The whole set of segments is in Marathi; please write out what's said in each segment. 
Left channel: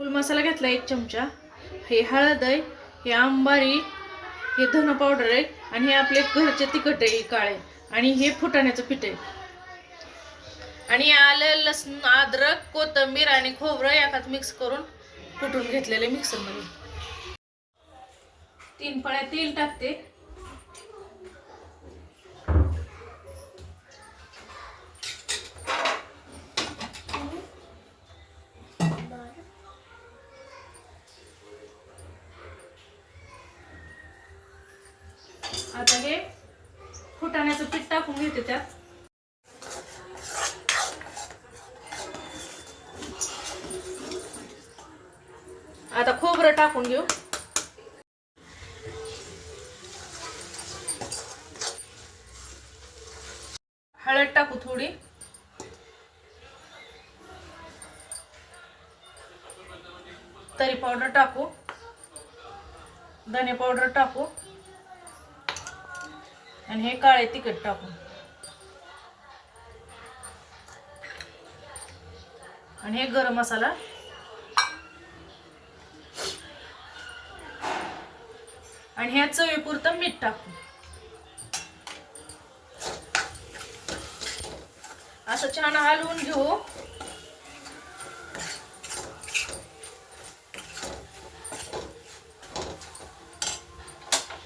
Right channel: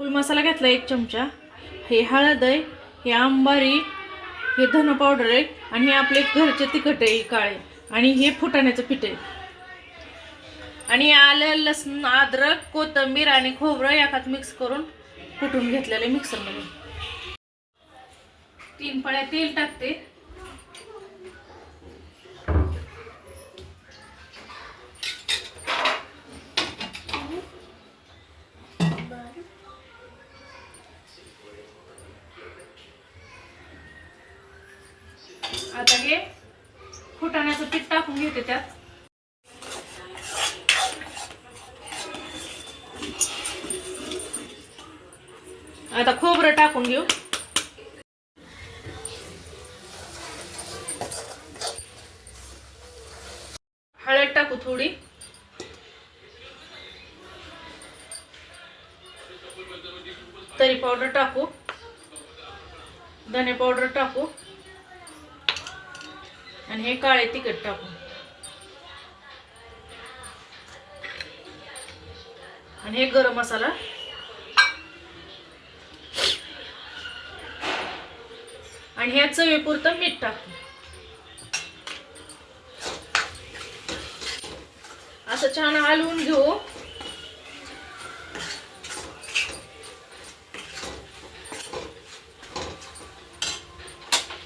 फुल मसाला घेतला एक चमचा. हे हळद आहे हे आंबारी हे धन पावडर आहे आणि हे आपले घरचे तिखट आहे काळे. आणि हे फुटाण्याचं पीठ आहे. आणि आलं लसूण अद्रक कोथिंबीर आणि खोबरं याकात मिक्स करून कुटून घेतलेले मिक्सरमध्ये तीन पळ्या तेल टाकते. आता हे फुटाण्याचं पीठ टाकून घेते त्यात. आता खोबरं टाकून घेऊ. हळद टाकू थोडी. तरी पावडर टाकू. धने पावडर टाकू. आणि हे काळे तिखट टाकू आणि हे गरम मसाला. आणि ह्या चवीपुरतं मीठ टाकू असं छान हलवून घेऊ.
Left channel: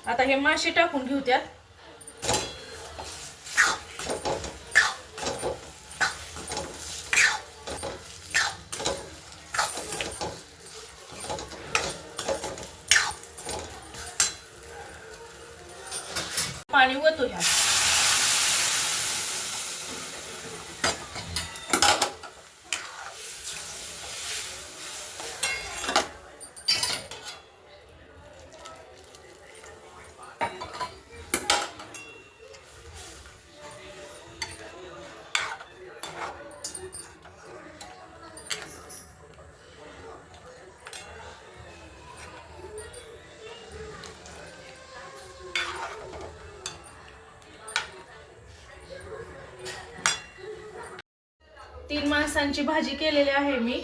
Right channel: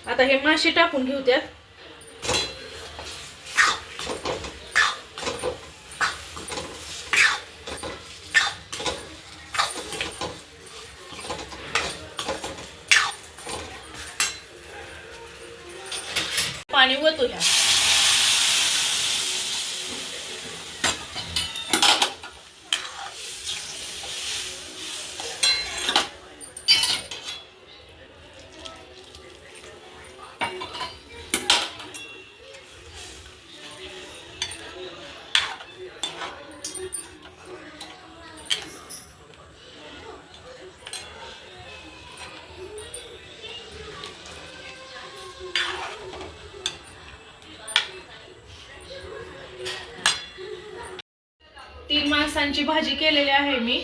आता हे मासे टाकून घेऊ त्यात. पाणी वतू तीन माणसांची भाजी केलेली आहे मी.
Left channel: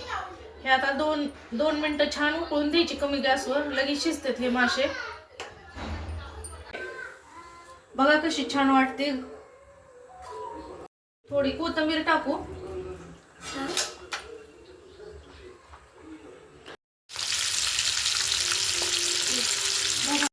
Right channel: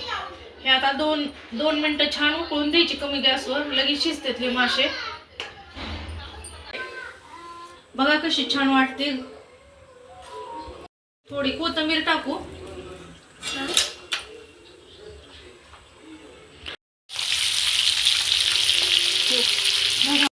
हे आता दोन दोन मिनटं छान उकळून द्यायची कमी गॅसवर. लगेच शिजतात हे मासे. बघा कशी छान वाटते. थोडी कोथिंबीर टाकू.